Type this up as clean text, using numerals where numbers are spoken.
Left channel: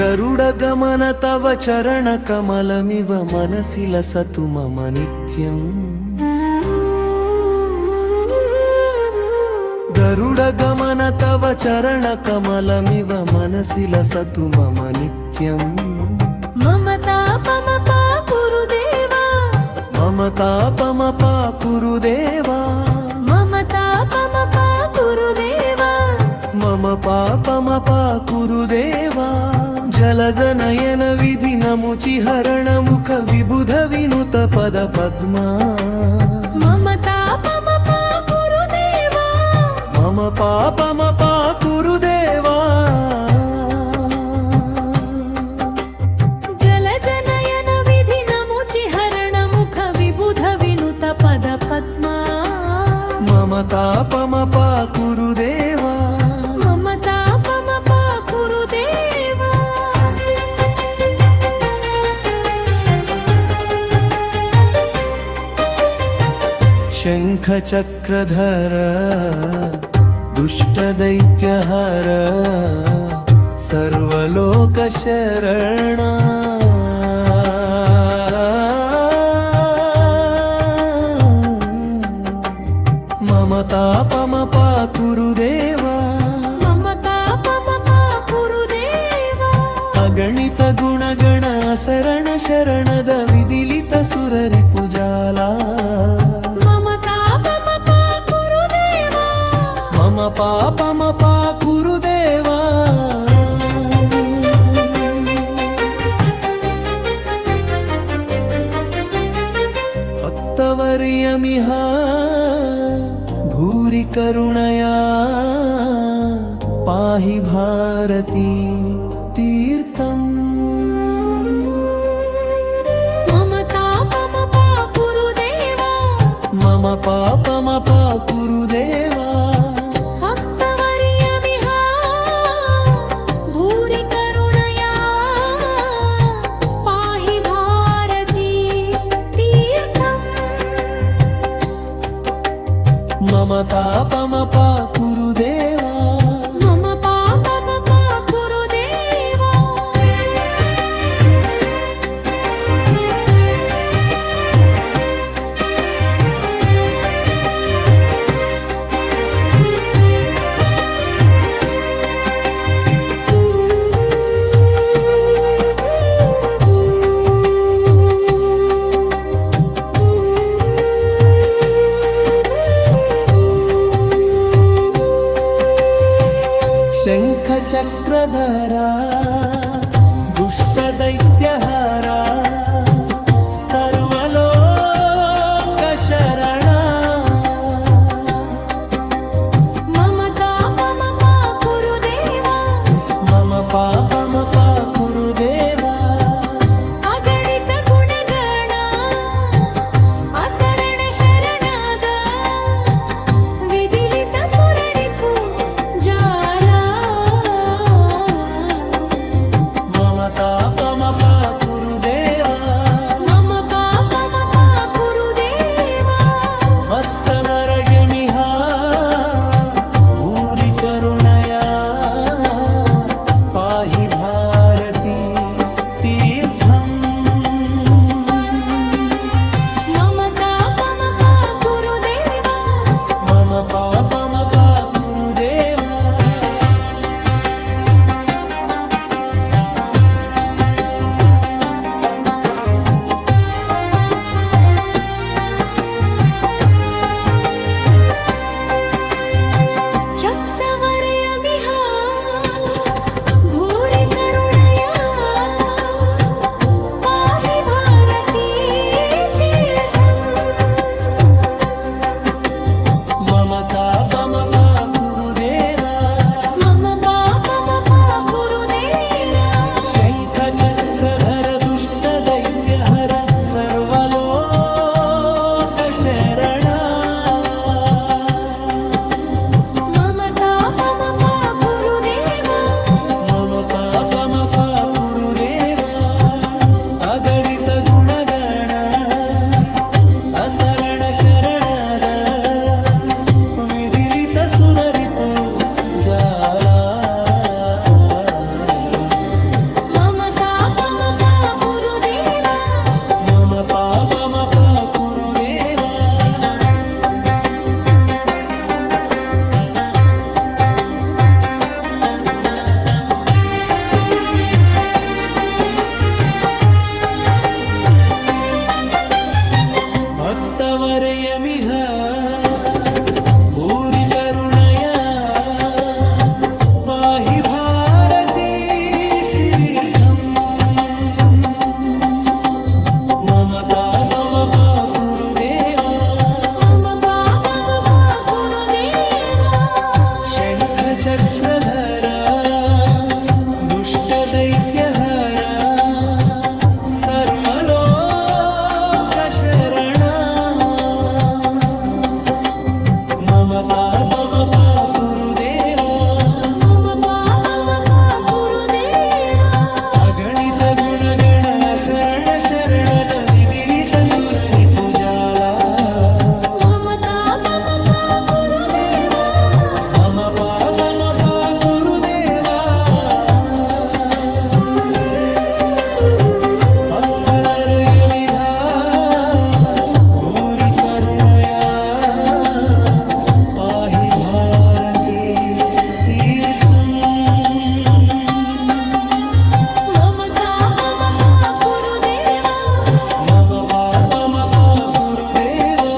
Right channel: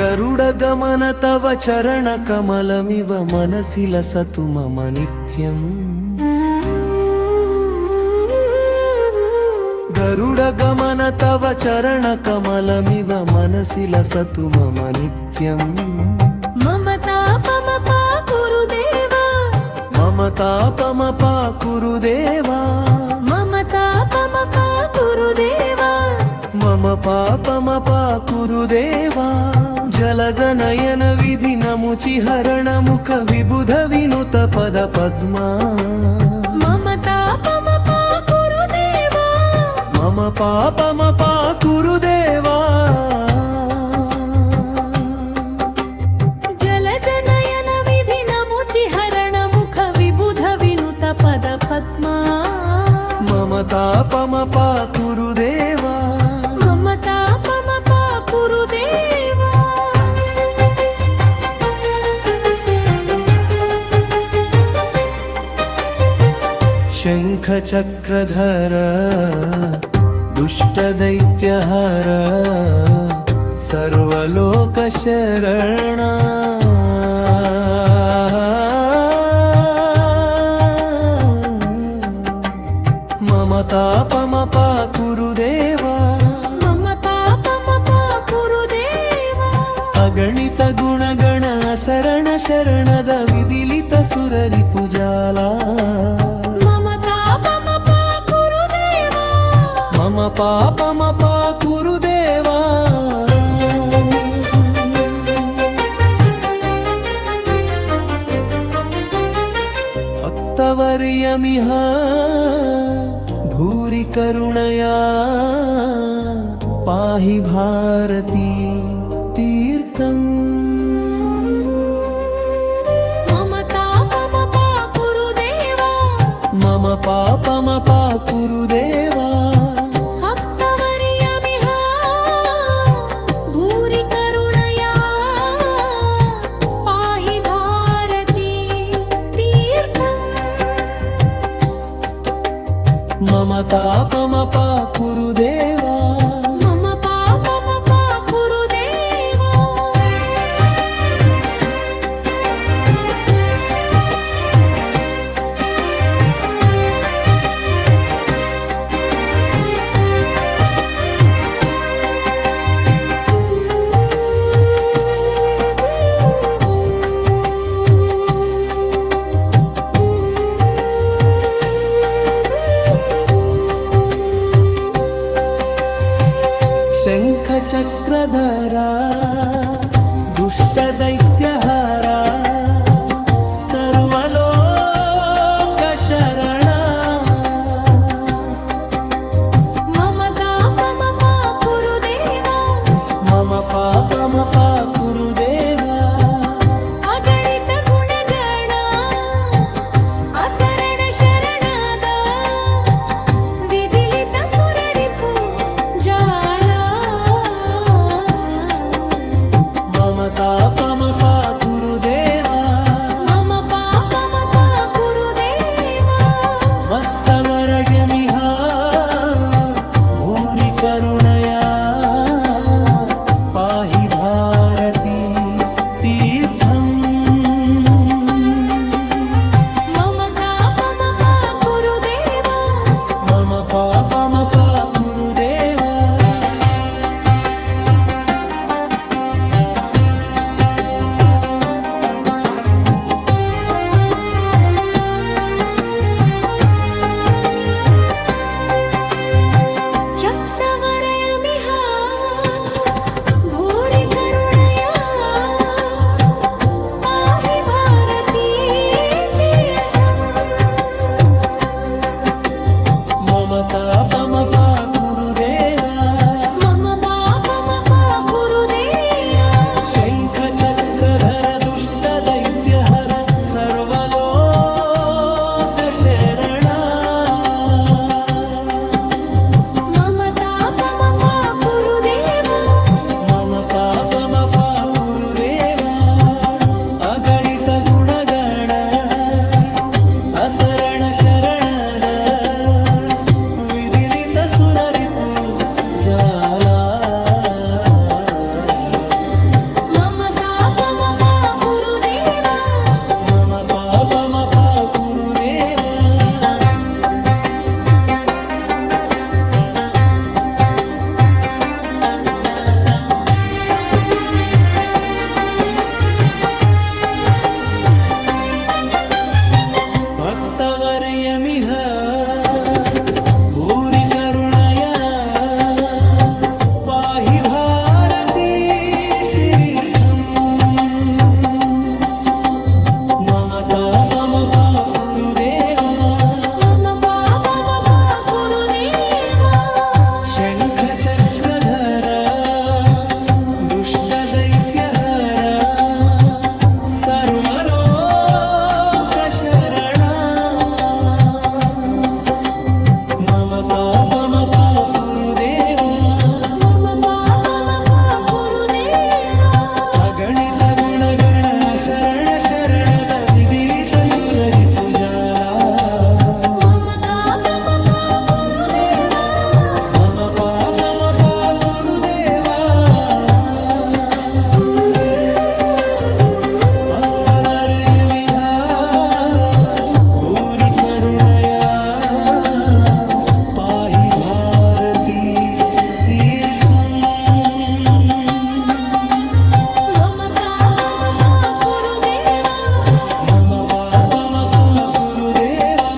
गरुडगमन तव चरणकमलमिव मनसि लसतु मम नित्यम् गरुडगमन तव चरणकमलमिव मनसि लसतु मम नित्यम् मम तापमपा कुरुदेवा मम तापमपा कुरुदेवा मम तापमपा कुरुदेवा मम पापमपा कुरुदेवा जलजनयन विधि नमुचिहरण मुख विबुध विनुत पद पद्मा मम तापमपा कुरुदेवा मम पापमपा कुरुदेवा जलजनयन विधि नमुचिहरण मुख विबुध विनुत पद पद्मा मम तापमपा कुरुदेवा मम तापमपा कुरुदेवा शङ्खचक्रधर दुष्टदैत्यहर सर्वलोकशरणा मम तापमपा कुरुदेवा मम तापमपा कुरुदेवा अगणित गुणगण शरण शरणद विदिलित सुररिपुजाला मम तापमपा कुरुदेवा मम पापमपा कुरुदेवा भक्तवर्यमिह भूरि करुणया पाहि भारती तीर्थम् मम तापमपा कुरुदेवा मम पापमपा कुरुदेवा भक्तवर्यमिह भूरि करुणया पाहि भारती तीर्थम् मम तापमपा कुरुदेवा मम पापमपा कुरुदेवा शङ्खचक्रधरा दुष्टदैत्यहरा सर्वलोकशरणा मम तापमपा कुरुदेवा मम पापमपा कुरुदेवा अगणित गुणगण असरण शरणद विदिलित सुररिपु जाला मम तापमपा कुरुदेवा मम पापमपा कुरुदेवा भक्तवरगमिह भूरि करुणया पाहि भारती तीर्थम् मम तापमपा कुरुदेवा मम पापमपा कुरुदेवा शक्तवरयमिह भूरि करुणया पाहि भारती तीर्थम् मम तापमपा कुरुदेवा मम पापमपा कुरुदेवा शङ्खचक्रधर दुष्टदैत्यहर सर्वलोकशरणा मम तापमपा कुरुदेवा मम पापमपा कुरुदेवा अगणित गुणगण असरण शरणद विदिलित सुररिपु जाला मम पापमपा कुरु देवा भक्तवर्यमिह पूरि करुणया पाहि भारती तीर्थम् मम तापमपा कुरु देवा मम पापमपा कुरु देवा शङ्खचक्रधर दुष्टदैत्यहर सर्वलोकशरणा मम तापमपा कुरु देवा मम पापमपा कुरु देवा अगणित गुणगण शरण शरणद विदिलित सुररि पूजाला मम तापमपा कुरु देवा मम पापमपा कुरु देवा पक्वलर्यमिधा दूरि करुणया पाहि भारती तीर्थम् मम तापमपा कुरु देवा मम पापमपा कुरु देवा